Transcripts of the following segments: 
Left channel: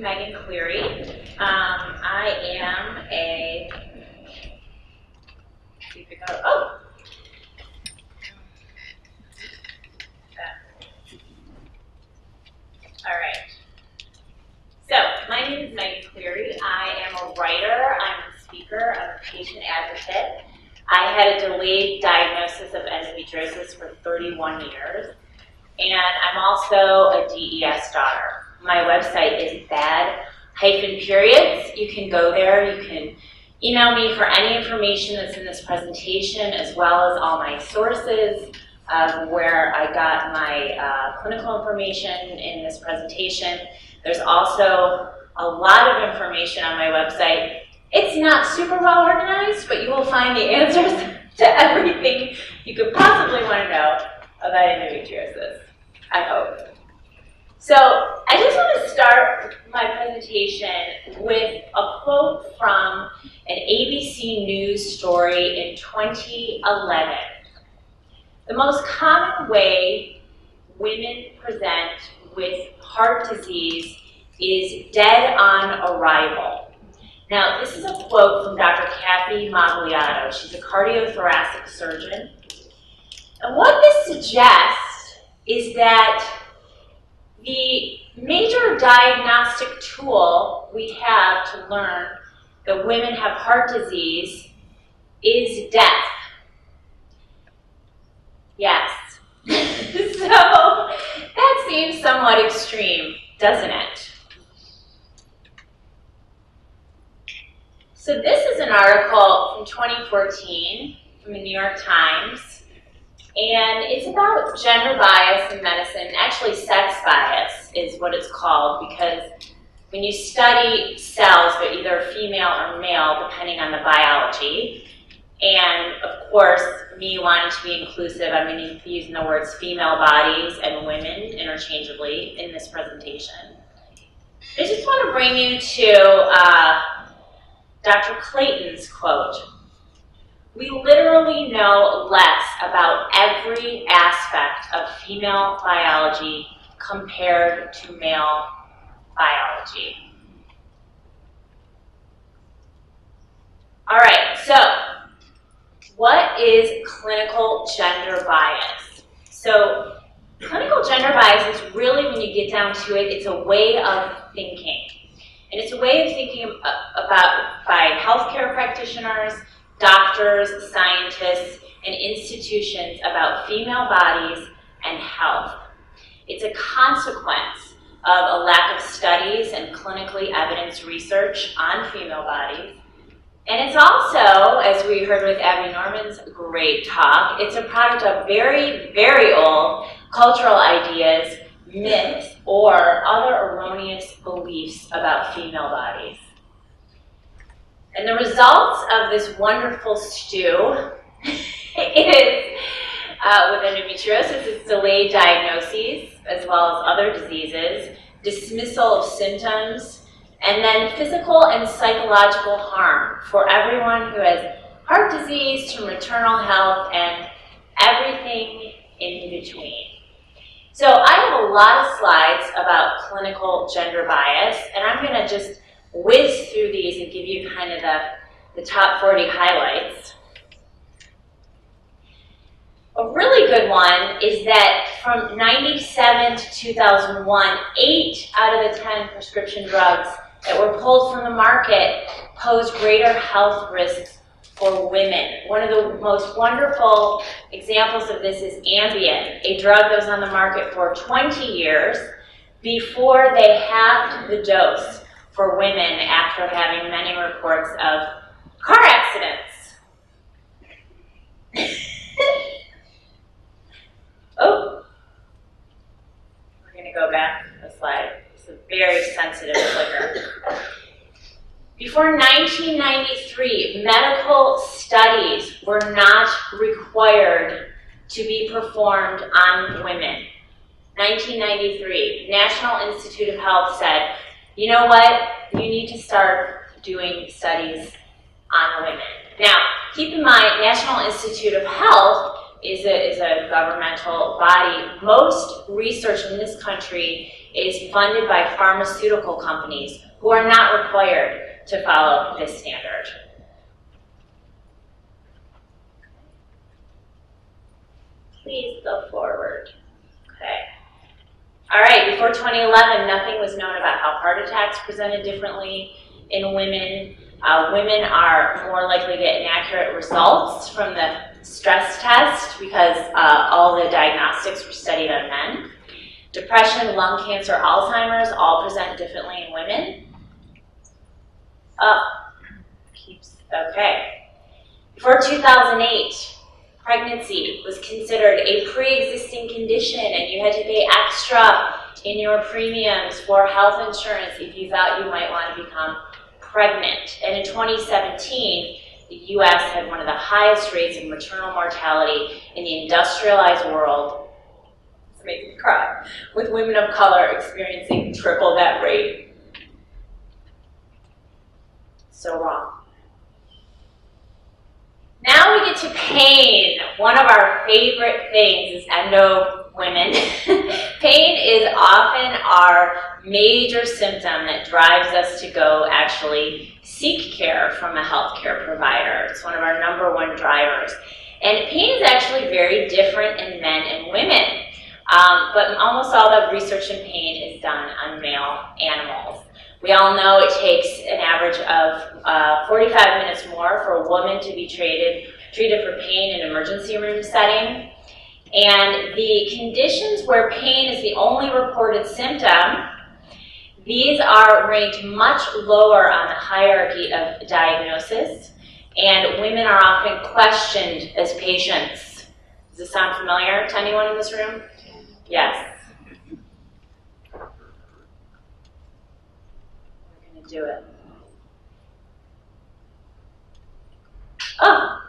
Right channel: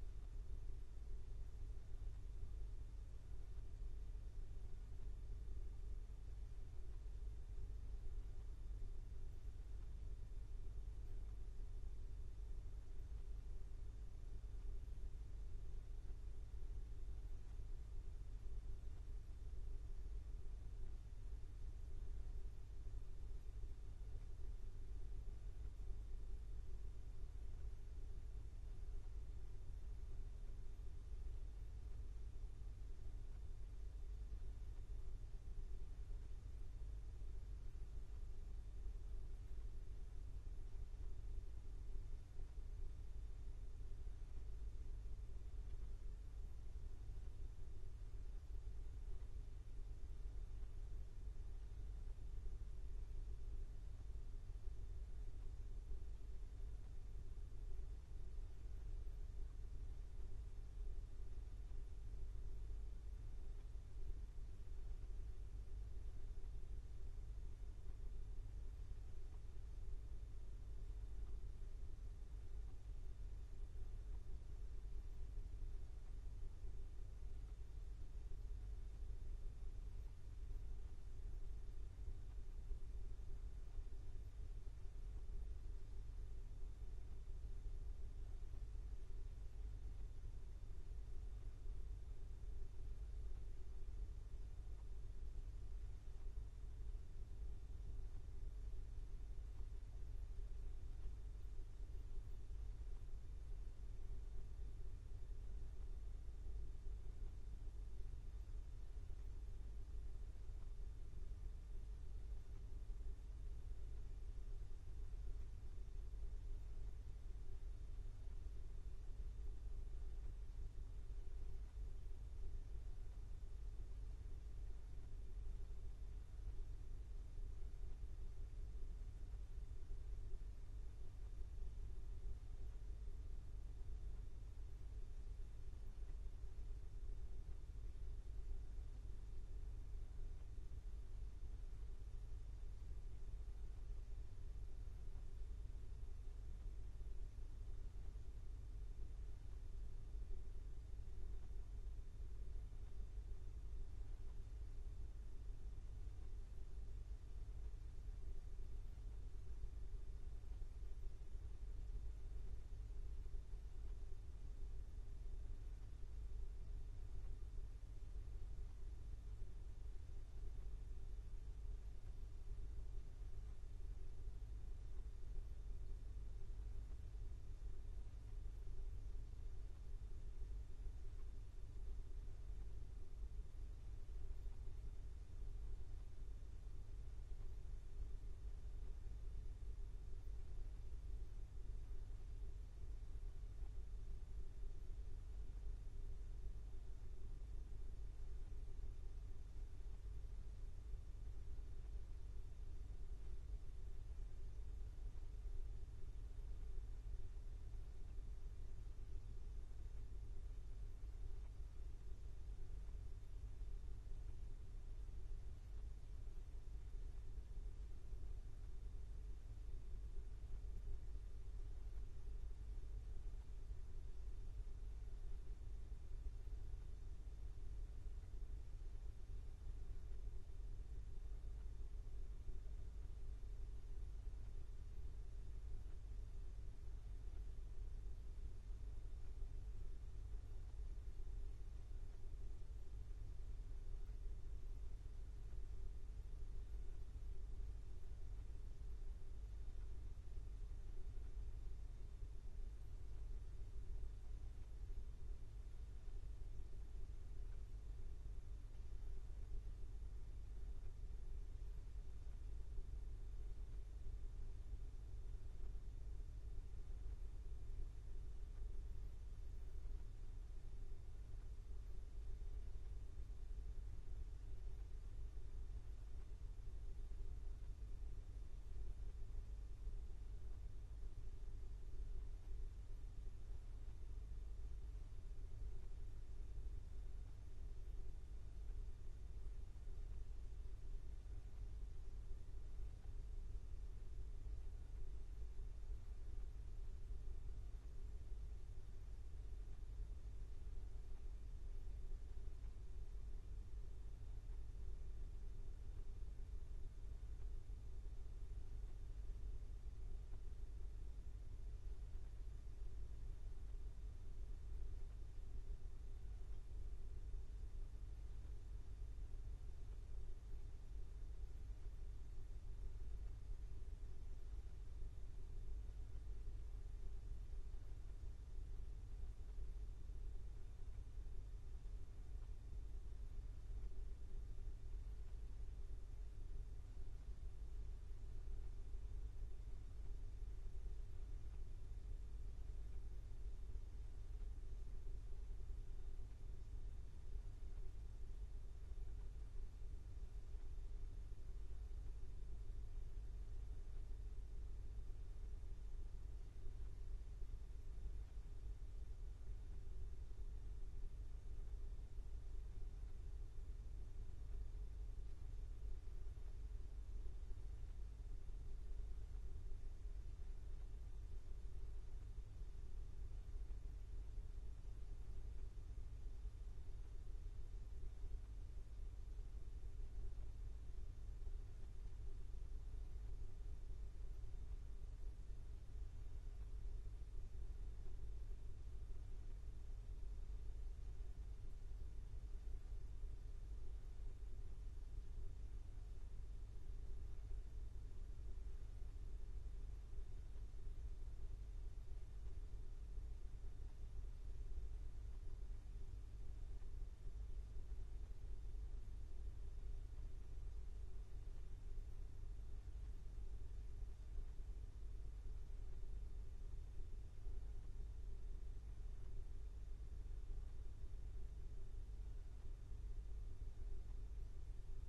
Meghan Cleary. I am a, oh. All right. So, my name is Meghan Cleary. I am a writer, I'm a speaker, I'm a patient advocate. I had a delayed diagnosis of endometriosis for 31 years. And I'm also a DES daughter. My website is bad-periods. You can go there, you can email me for any information that's in this presentation, as well as all my sources of where I got my clinical information in this presentation. There's also a lot of information on my website. It's not super well organized, but you will find the answers to everything you could possibly want to know about endometriosis, I hope. So I just want to start my presentation with a quote from an ABC News story in 2011. The most common way women present with heart disease is dead on arrival. Now, this is a quote from Dr. Kathy Magliato. She's a cardiothoracic surgeon. And what this suggests is that the major diagnostic tool we have to learn that women have heart disease is death. Yes. So that seems somewhat extreme, doesn't it? So this is an article from 2014 from the New York Times, and it's about gender bias in medicine. Actually, sex bias is what it's called, because when you study cells, they're either female or male, depending on the biology. And of course, me wanting to be inclusive, I'm going to be using the words female bodies and women interchangeably in this presentation. I just want to bring you to Dr. Clayton's quote. We literally know less about every aspect of female biology compared to male biology. All right, so what is clinical gender bias? So clinical gender bias is really, when you get down to it, it's a way of thinking. And it's a way of thinking about by healthcare practitioners, doctors, scientists, and institutions about female bodies and health. It's a consequence of a lack of studies and clinically evidenced research on female bodies. And it's also, as we heard with Abby Norman's great talk, it's a product of very, very old cultural ideas, myths, or other erroneous beliefs about female bodies. And the results of this wonderful stew is, with endometriosis, it's delayed diagnoses, as well as other diseases, dismissal of symptoms, and then physical and psychological harm for everyone who has heart disease to maternal health and everything in between. So I have a lot of slides about clinical gender bias, and I'm going to just whiz through these and give you kind of the top 40 highlights. A really good one is that from 97 to 2001, 8 out of the 10 prescription drugs that were pulled from the market posed greater health risks for women. One of the most wonderful examples of this is Ambien, a drug that was on the market for 20 years before they halved the dose for women after having many reports of car accidents. Oh, we're going to go back a slide. It's a very sensitive clicker. Before 1993, medical studies were not required to be performed on women. 1993, National Institute of Health said, you know what, you need to start doing studies on women. Now, keep in mind, National Institute of Health is a governmental body. Most research in this country is funded by pharmaceutical companies who are not required to follow this standard. Please go forward. Okay. All right, before 2011, nothing was known about how heart attacks presented differently in women. Women are more likely to get inaccurate results from the stress test because all the diagnostics were studied on men. Depression, lung cancer, Alzheimer's all present differently in women. Okay. Before 2008, pregnancy was considered a pre-existing condition and you had to pay extra in your premiums for health insurance if you thought you might want to become pregnant. And in 2017, the US had one of the highest rates of maternal mortality in the industrialized world. This makes me cry. With women of color experiencing triple that rate. So wrong. Now we get to pain. One of our favorite things is endo women. Pain is often our major symptom that drives us to go actually seek care from a healthcare provider. It's one of our #1 drivers. And pain is actually very different in men and women. But almost all the research in pain is done on male animals. We all know it takes an average of 45 minutes more for a woman to be treated for pain in an emergency room setting. And the conditions where pain is the only reported symptom, these are ranked much lower on the hierarchy of diagnosis, and women are often questioned as patients. Does this sound familiar to anyone in this room? Yes. We're going to do it. Oh.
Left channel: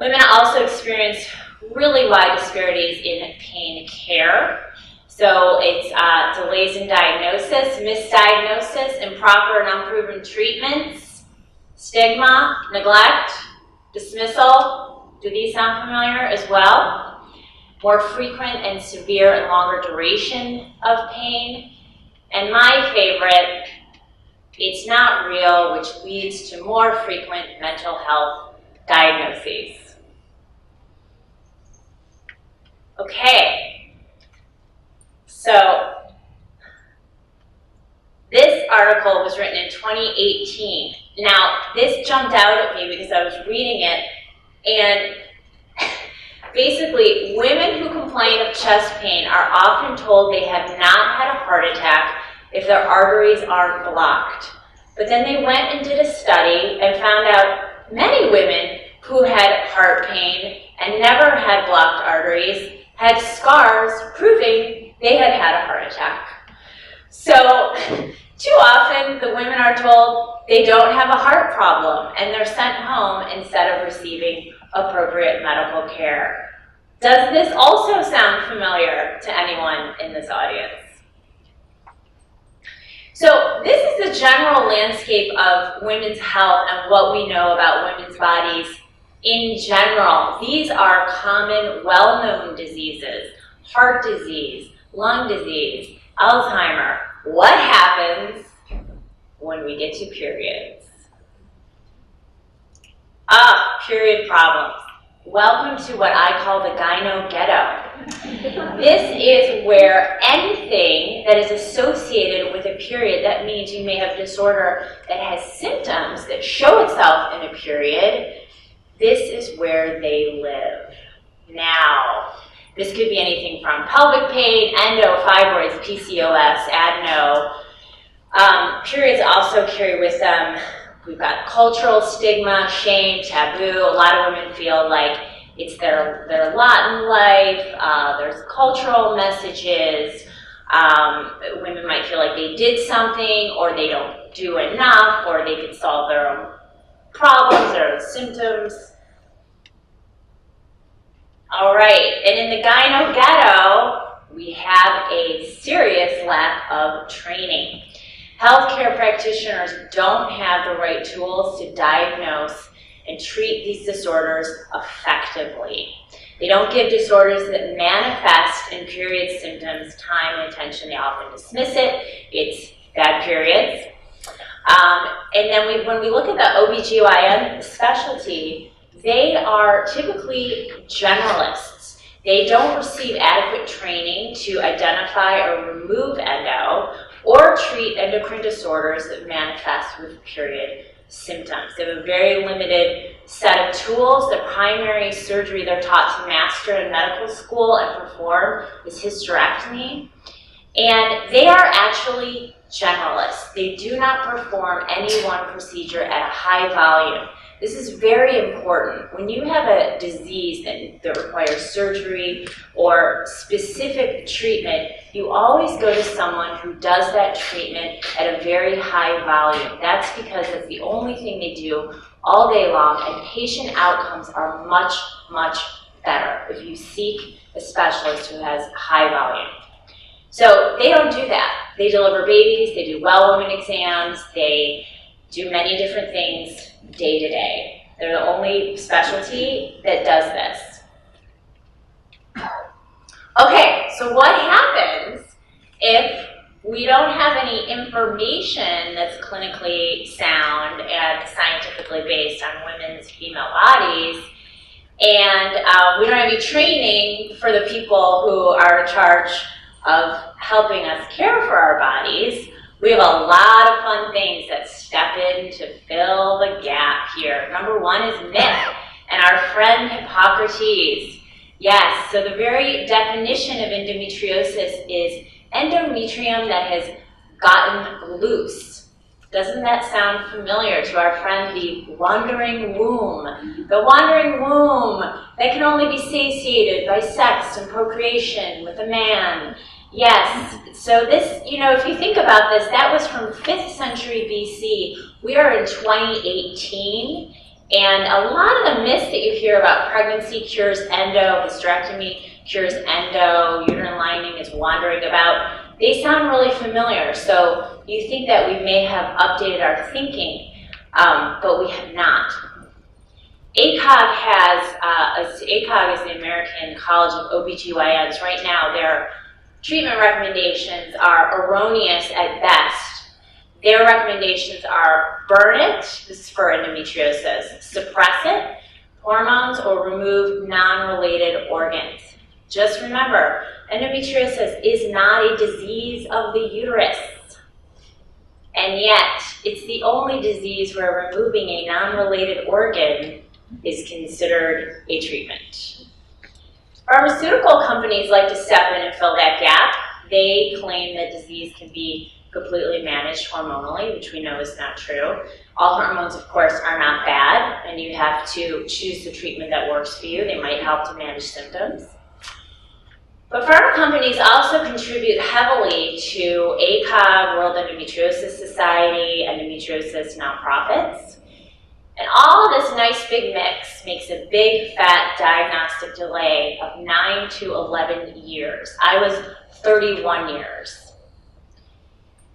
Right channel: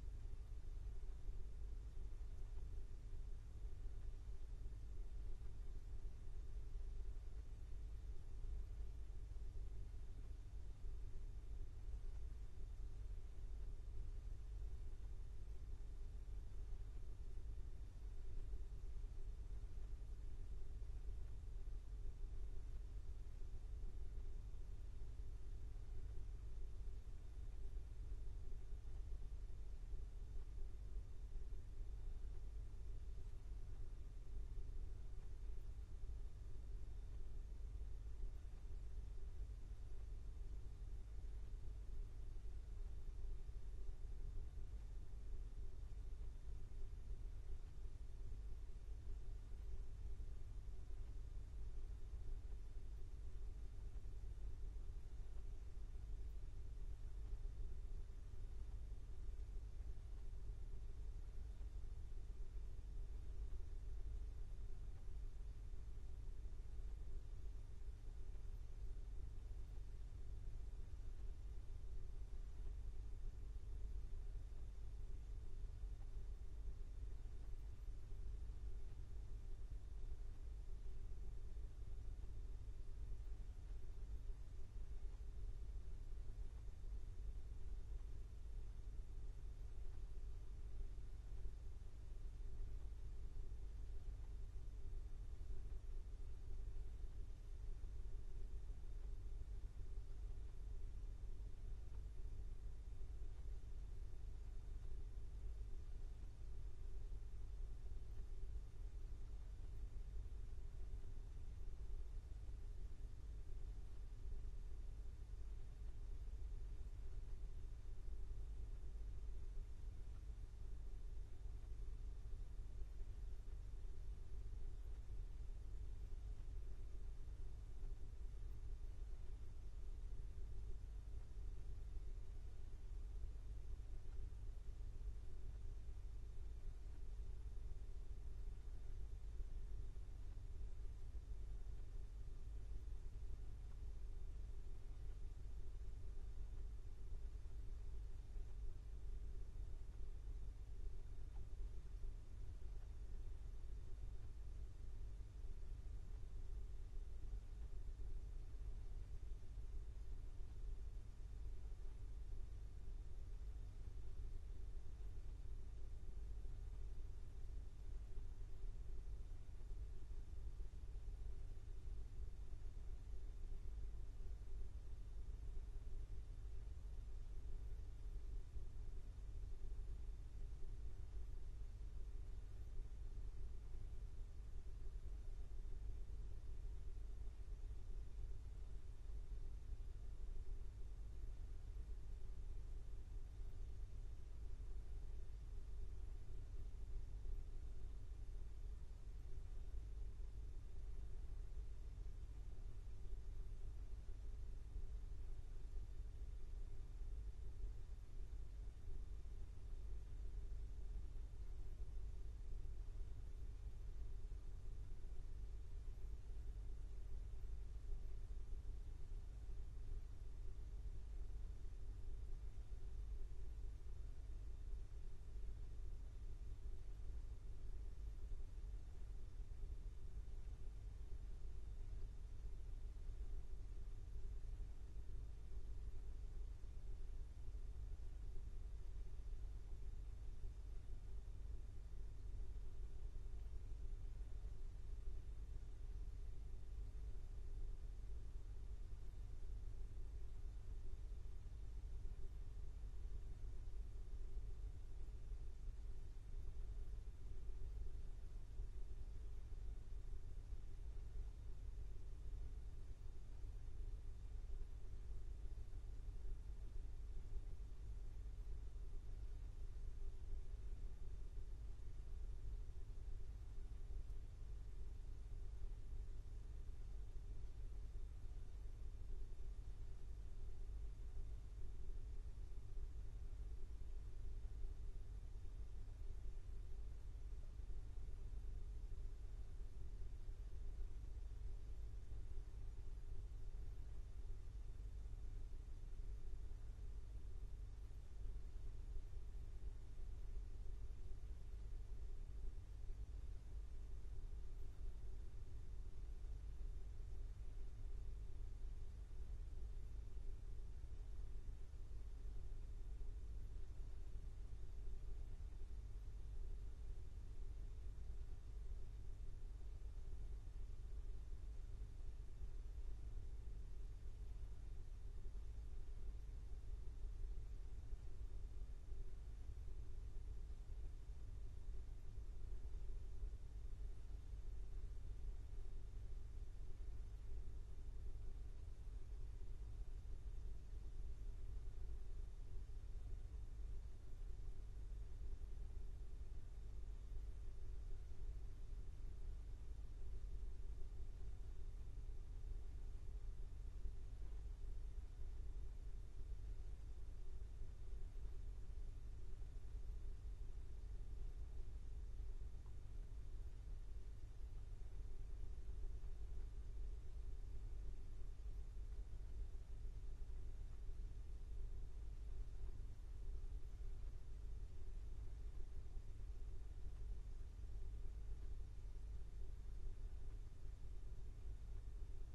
Women also experience really wide disparities in pain care. So it's delays in diagnosis, misdiagnosis, improper and unproven treatments, stigma, neglect, dismissal. Do these sound familiar as well? More frequent and severe and longer duration of pain. And my favorite, it's not real, which leads to more frequent mental health diagnoses. Okay, so this article was written in 2018. Now, this jumped out at me because I was reading it, and basically, women who complain of chest pain are often told they have not had a heart attack if their arteries aren't blocked. But then they went and did a study and found out many women who had heart pain and never had blocked arteries had scars proving they had had a heart attack. So too often the women are told they don't have a heart problem and they're sent home instead of receiving appropriate medical care. Does this also sound familiar to anyone in this audience? So this is the general landscape of women's health and what we know about women's bodies in general. These are common, well-known diseases: heart disease, lung disease, Alzheimer. What happens when we get to periods? Period problems. Welcome to what I call the gyno ghetto. This is where anything that is associated with a period, that means you may have disorder that has symptoms that show itself in a period, this is where they live. Now, this could be anything from pelvic pain, endo, fibroids, PCOS, adeno. Periods also carry with them, we've got cultural stigma, shame, taboo. A lot of women feel like it's their lot in life. There's cultural messages. Women might feel like they did something, or they don't do enough, or they could solve their own problems, their own symptoms. All right, and in the gyno ghetto, we have a serious lack of training. Healthcare practitioners don't have the right tools to diagnose and treat these disorders effectively. They don't give disorders that manifest in period symptoms time and attention. They often dismiss it. It's bad periods. And then when we look at the OBGYN specialty, they are typically generalists. They don't receive adequate training to identify or remove endo or treat endocrine disorders that manifest with period symptoms. They have a very limited set of tools. The primary surgery they're taught to master in medical school and perform is hysterectomy. And they are actually generalists. They do not perform any one procedure at a high volume. This is very important. When you have a disease that requires surgery or specific treatment, you always go to someone who does that treatment at a very high volume. That's because it's the only thing they do all day long, and patient outcomes are much, much better if you seek a specialist who has high volume. So they don't do that. They deliver babies, they do well woman exams, they do many different things day to day. They're the only specialty that does this. Okay, so what happens if we don't have any information that's clinically sound and scientifically based on women's female bodies, and we don't have any training for the people who are in charge of helping us care for our bodies? We have a lot of fun things that step in to fill the gap here. Number one is myth, and our friend Hippocrates. Yes, so the very definition of endometriosis is endometrium that has gotten loose. Doesn't that sound familiar to our friend the wandering womb? The wandering womb that can only be satiated by sex and procreation with a man. Yes, so this, if you think about this, that was from 5th century BC. We are in 2018, and a lot of the myths that you hear about pregnancy cures endo, hysterectomy cures endo, uterine lining is wandering about, they sound really familiar. So you think that we may have updated our thinking, but we have not. ACOG is the American College of OBGYNs. Right now, their treatment recommendations are erroneous at best. Their recommendations are burn it, this is for endometriosis, suppress it, hormones, or remove non-related organs. Just remember, endometriosis is not a disease of the uterus. And yet, it's the only disease where removing a non-related organ is considered a treatment. Pharmaceutical companies like to step in and fill that gap. They claim that disease can be completely managed hormonally, which we know is not true. All hormones, of course, are not bad, and you have to choose the treatment that works for you. They might help to manage symptoms. But pharma companies also contribute heavily to ACOG, World Endometriosis Society, endometriosis nonprofits. And all of this nice big mix makes a big fat diagnostic delay of 9 to 11 years. I was 31 years.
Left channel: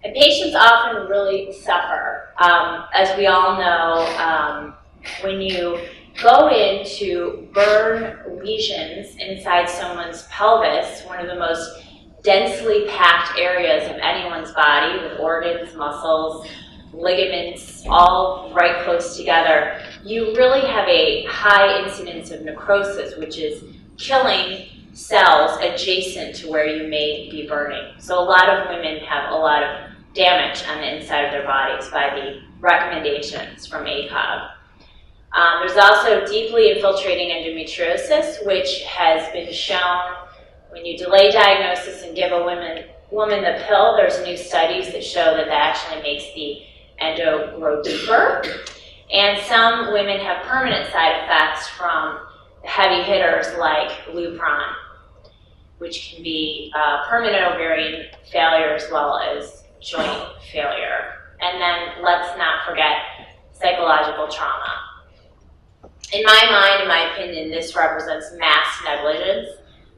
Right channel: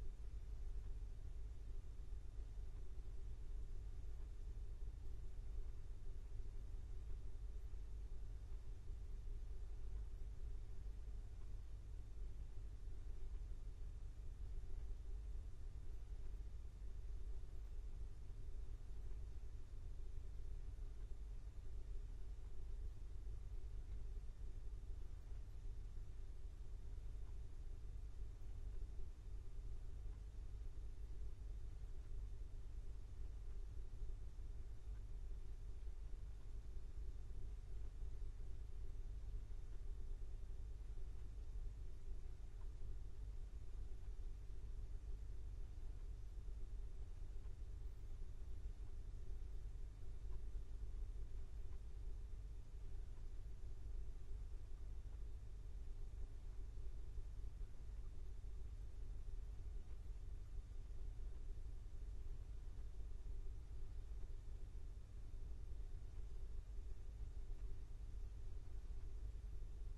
And patients often really suffer. As we all know, when you go in to burn lesions inside someone's pelvis, one of the most densely packed areas of anyone's body with organs, muscles, ligaments, all right close together, you really have a high incidence of necrosis, which is killing cells adjacent to where you may be burning. So a lot of women have a lot of damage on the inside of their bodies by the recommendations from ACOG. There's also deeply infiltrating endometriosis, which has been shown when you delay diagnosis and give a woman the pill. There's new studies that show that that actually makes the endo grow deeper. And some women have permanent side effects from heavy hitters like Lupron, which can be permanent ovarian failure as well as joint failure. And then let's not forget psychological trauma. In my mind, in my opinion, this represents mass negligence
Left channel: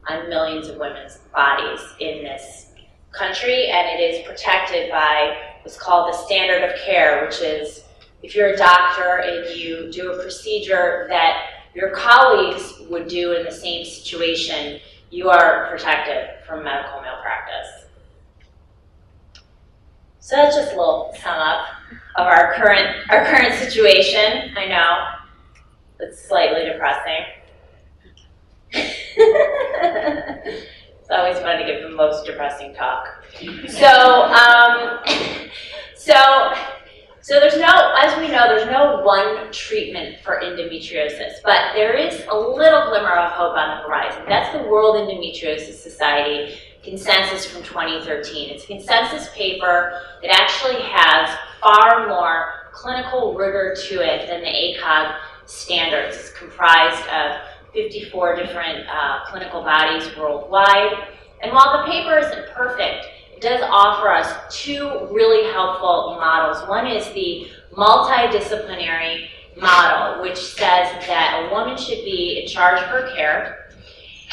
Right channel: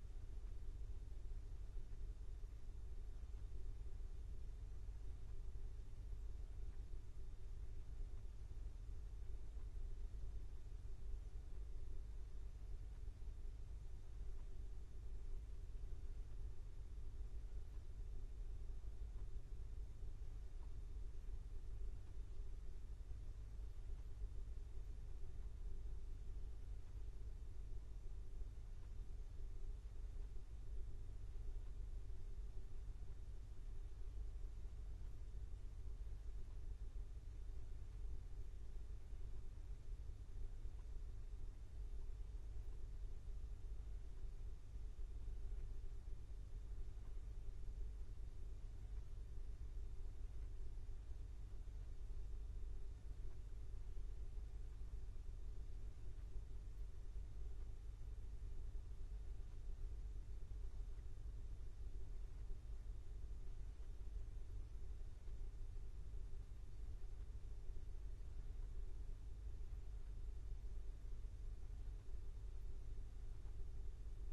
on millions of women's bodies in this country, and it is protected by what's called the standard of care, which is if you're a doctor and you do a procedure that your colleagues would do in the same situation, you are protected from medical malpractice. So that's just a little sum up of our current situation. I know it's slightly depressing. It's always fun to give the most depressing talk. So there's no, as we know, there's no one treatment for endometriosis, but there is a little glimmer of hope on the horizon. That's the World Endometriosis Society consensus from 2013. It's a consensus paper that actually has far more clinical rigor to it than the ACOG standards. It's comprised of 54 different clinical bodies worldwide. And while the paper isn't perfect, it does offer us two really helpful models. One is the multidisciplinary model, which says that a woman should be in charge of her care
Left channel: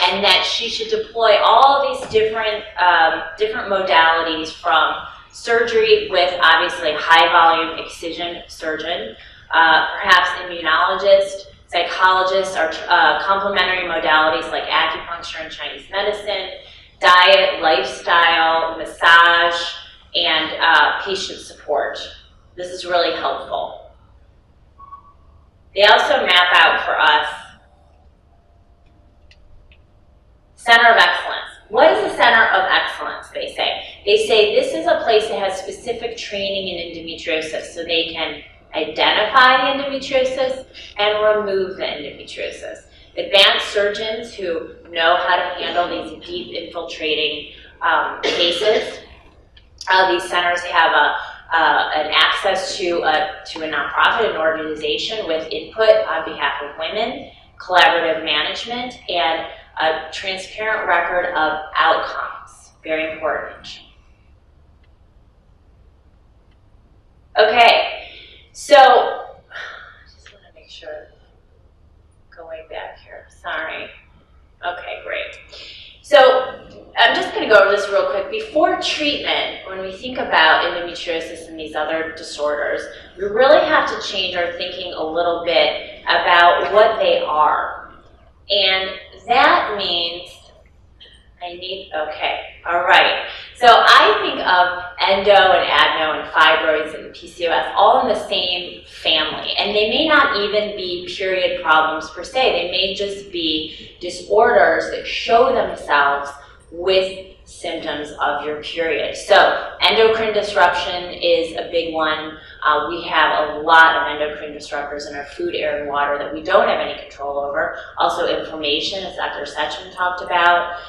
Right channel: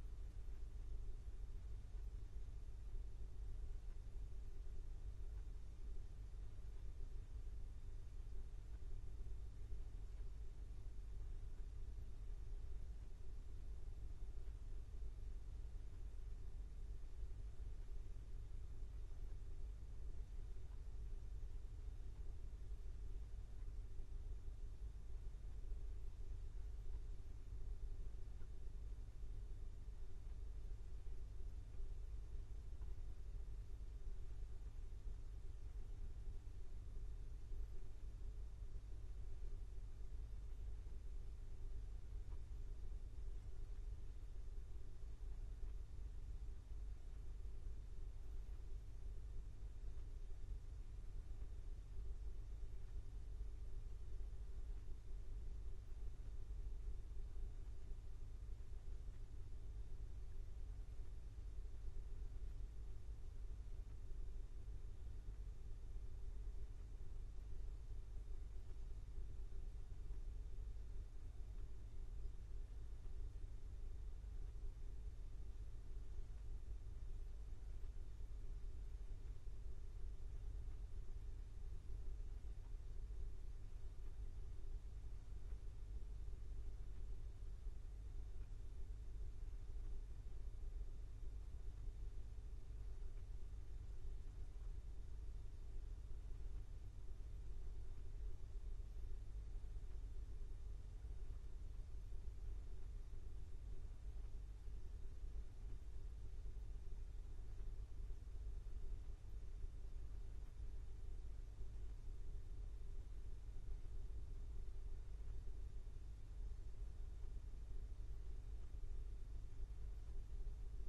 and that she should deploy all these different modalities, from surgery with obviously high volume excision surgeon, perhaps immunologist, psychologists, or complementary modalities like acupuncture and Chinese medicine, diet, lifestyle, massage, and patient support. This is really helpful. They also map out for us Center of Excellence. What is a Center of Excellence, they say? They say this is a place that has specific training in endometriosis, so they can identify the endometriosis and remove the endometriosis. Advanced surgeons who know how to handle these deep infiltrating cases. These centers have an access to a nonprofit, an organization with input on behalf of women, collaborative management, and a transparent record of outcomes. Very important. Okay, so I just want to make sure, going back here, sorry. Okay, great. So I'm just going to go over this real quick. Before treatment, when we think about endometriosis and these other disorders, we really have to change our thinking a little bit about what they are. And that means, okay, all right. So I think of endo and adeno and fibroids and PCOS all in the same family. And they may not even be period problems per se. They may just be disorders that show themselves with symptoms of your period. So endocrine disruption is a big one. We have a lot of endocrine disruptors in our food, air, and water that we don't have any control over. Also inflammation, as Dr. Sechin talked about.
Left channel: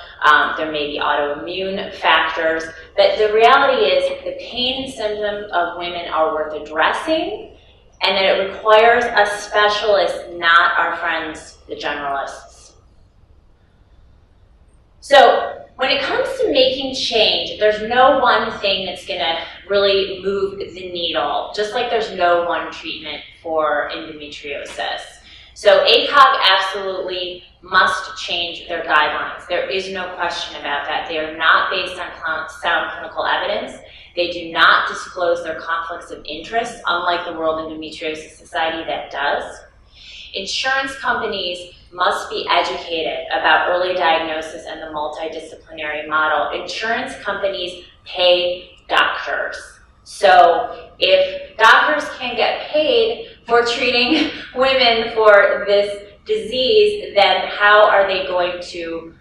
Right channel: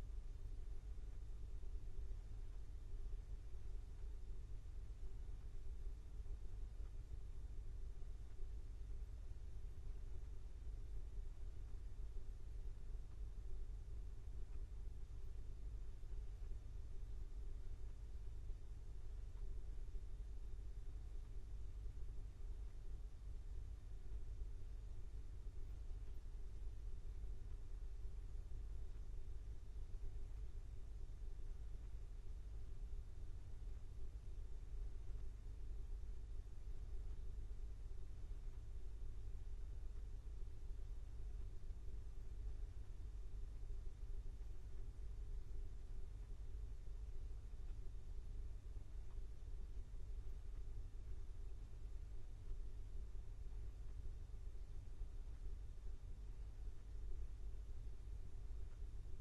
There may be autoimmune factors. But the reality is the pain and symptoms of women are worth addressing, and that it requires a specialist, not our friends, the generalists. So when it comes to making change, there's no one thing that's going to really move the needle, just like there's no one treatment for endometriosis. So ACOG absolutely must change their guidelines. There is no question about that. They are not based on sound clinical evidence. They do not disclose their conflicts of interest, unlike the World Endometriosis Society that does. Insurance companies must be educated about early diagnosis and the multidisciplinary model. Insurance companies pay doctors. So if doctors can get paid for treating women for this disease, then how are they going to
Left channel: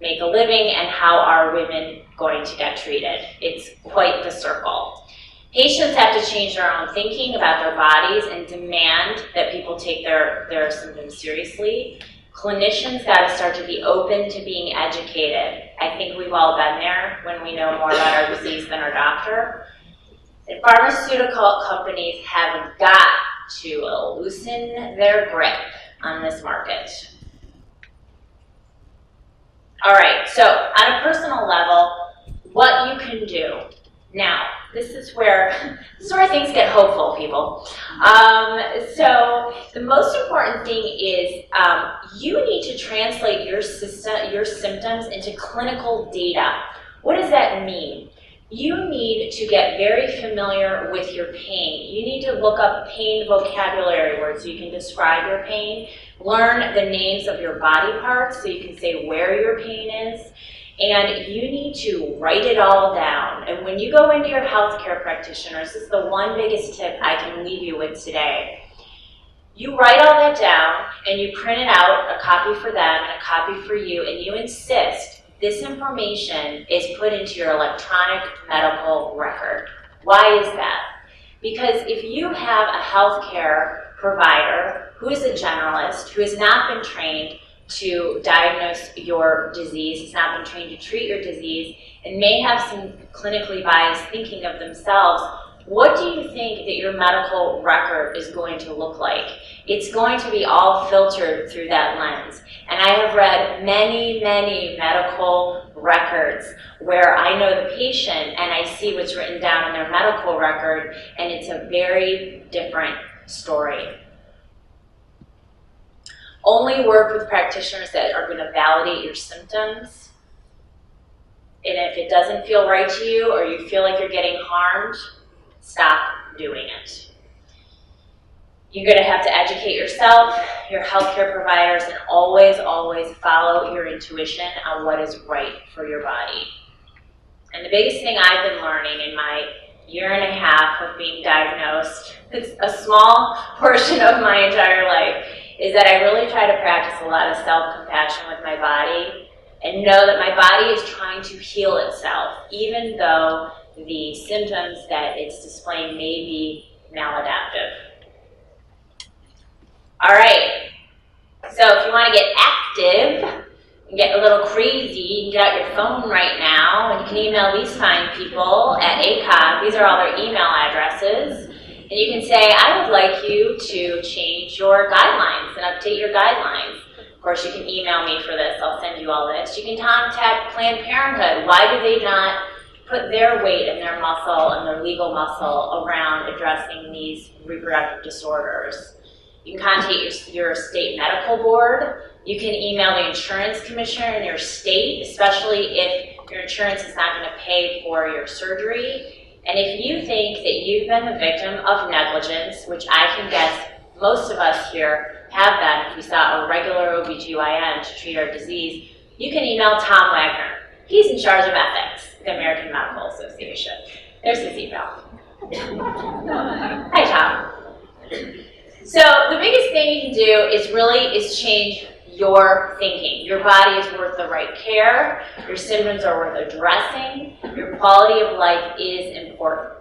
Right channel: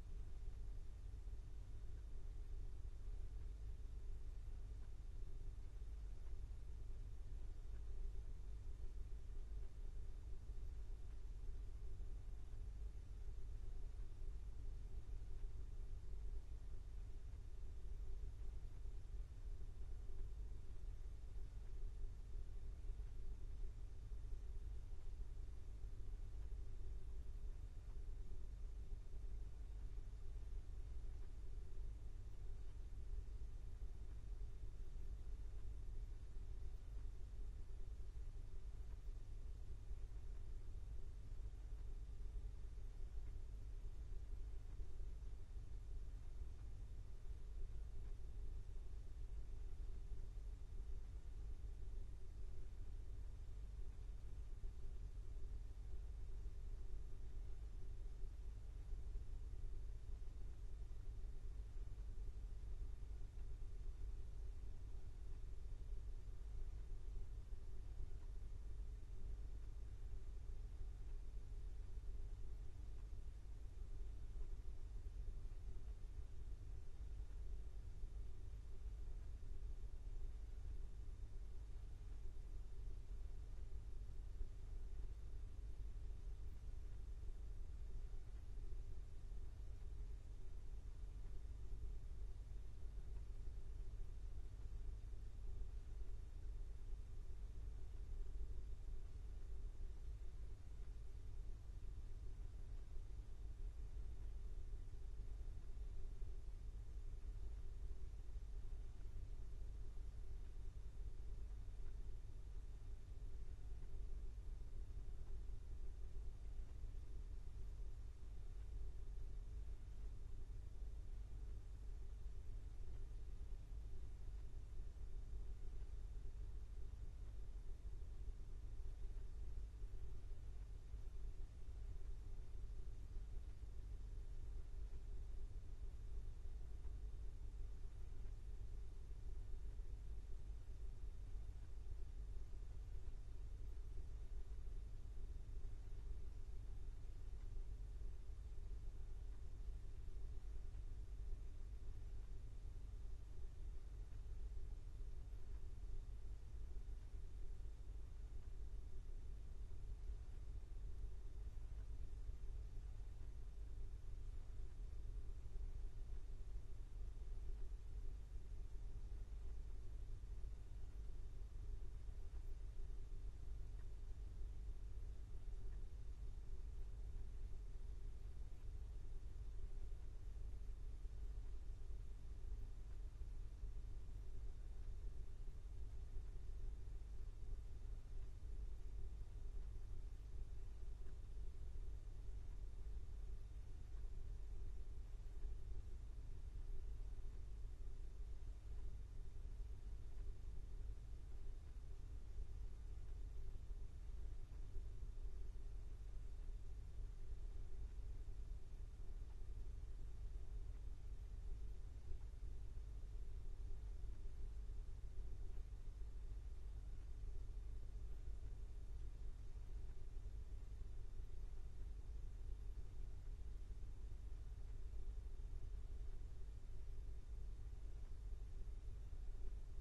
make a living, and how are women going to get treated? It's quite the circle. Patients have to change their own thinking about their bodies and demand that people take their symptoms seriously. Clinicians got to start to be open to being educated. I think we've all been there when we know more about our disease than our doctor. And pharmaceutical companies have got to loosen their grip on this market. All right, so on a personal level, what you can do. Now, this is where things get hopeful, people. So the most important thing is you need to translate your symptoms into clinical data. What does that mean? You need to get very familiar with your pain. You need to look up pain vocabulary words so you can describe your pain. Learn the names of your body parts so you can say where your pain is. And you need to write it all down. And when you go into your healthcare practitioners, this is the one biggest tip I can leave you with today. You write all that down and you print it out, a copy for them and a copy for you, and you insist this information is put into your electronic medical record. Why is that? Because if you have a healthcare provider who is a generalist, who has not been trained to diagnose your disease, has not been trained to treat your disease, and may have some clinically biased thinking of themselves, what do you think that your medical record is going to look like? It's going to be all filtered through that lens. And I have read many, many medical records where I know the patient and I see what's written down in their medical record, and it's a very different story. Only work with practitioners that are going to validate your symptoms. And if it doesn't feel right to you or you feel like you're getting harmed, stop doing it. You're going to have to educate yourself, your healthcare providers, and always, always follow your intuition on what is right for your body. And the biggest thing I've been learning in my year and a half of being diagnosed, it's a small portion of my entire life, is that I really try to practice a lot of self-compassion with my body and know that my body is trying to heal itself, even though the symptoms that it's displaying may be maladaptive. All right, so if you want to get active and get a little crazy, you can get out your phone right now and you can email these fine people at ACOG. These are all their email addresses. And you can say, I would like you to change your guidelines and update your guidelines. Of course, you can email me for this. I'll send you all this. You can contact Planned Parenthood. Why do they not put their weight and their muscle and their legal muscle around addressing these reproductive disorders? You can contact your state medical board. You can email the insurance commissioner in your state, especially if your insurance is not going to pay for your surgery. And if you think that you've been the victim of negligence, which I can guess most of us here have been if we saw a regular OBGYN to treat our disease, you can email Tom Wagner. He's in charge of ethics, the American Medical Association. There's his email. Hi, Tom. So the biggest thing you can do is change your thinking. Your body is worth the right care. Your symptoms are worth addressing. Your quality of life is important.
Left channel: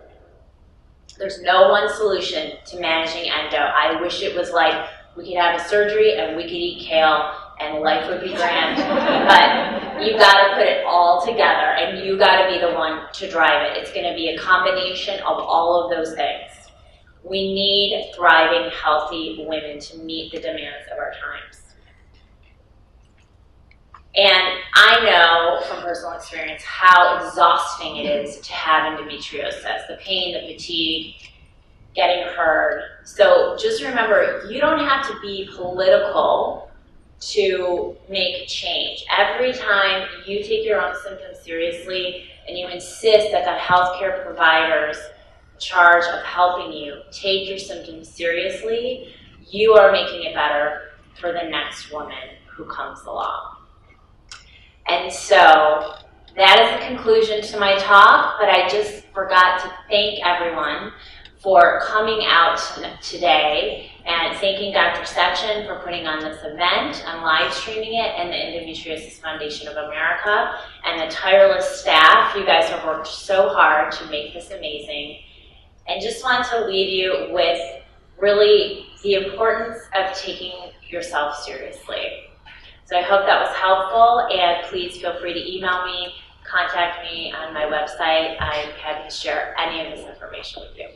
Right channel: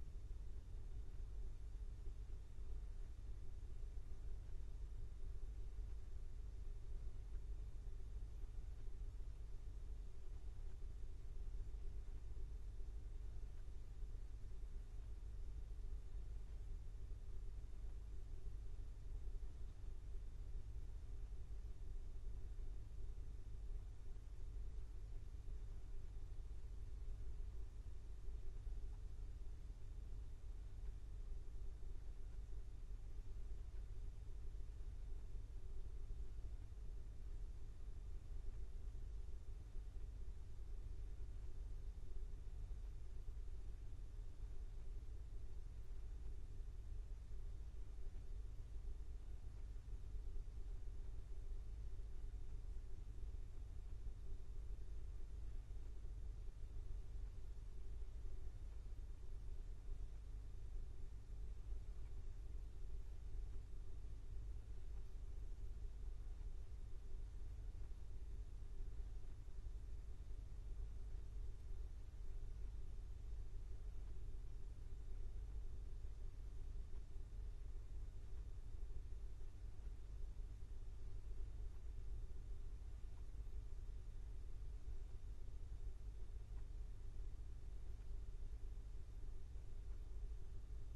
There's no one solution to managing endo. I wish it was like we could have a surgery and we could eat kale and life would be grand. But you got to put it all together and you got to be the one to drive it. It's going to be a combination of all of those things. We need thriving, healthy women to meet the demands of our times. And I know from personal experience how exhausting it is to have endometriosis, the pain, the fatigue, getting heard. So just remember, you don't have to be political to make change. Every time you take your own symptoms seriously and you insist that the healthcare providers in charge of helping you take your symptoms seriously, you are making it better for the next woman who comes along. And so that is the conclusion to my talk, but I just forgot to thank everyone for coming out today and thanking Dr. Sechin for putting on this event and live streaming it, and the Endometriosis Foundation of America and the tireless staff. You guys have worked so hard to make this amazing. And just want to leave you with really the importance of taking yourself seriously. So I hope that was helpful, and please feel free to email me, contact me on my website. I'm happy to share any of this information with you.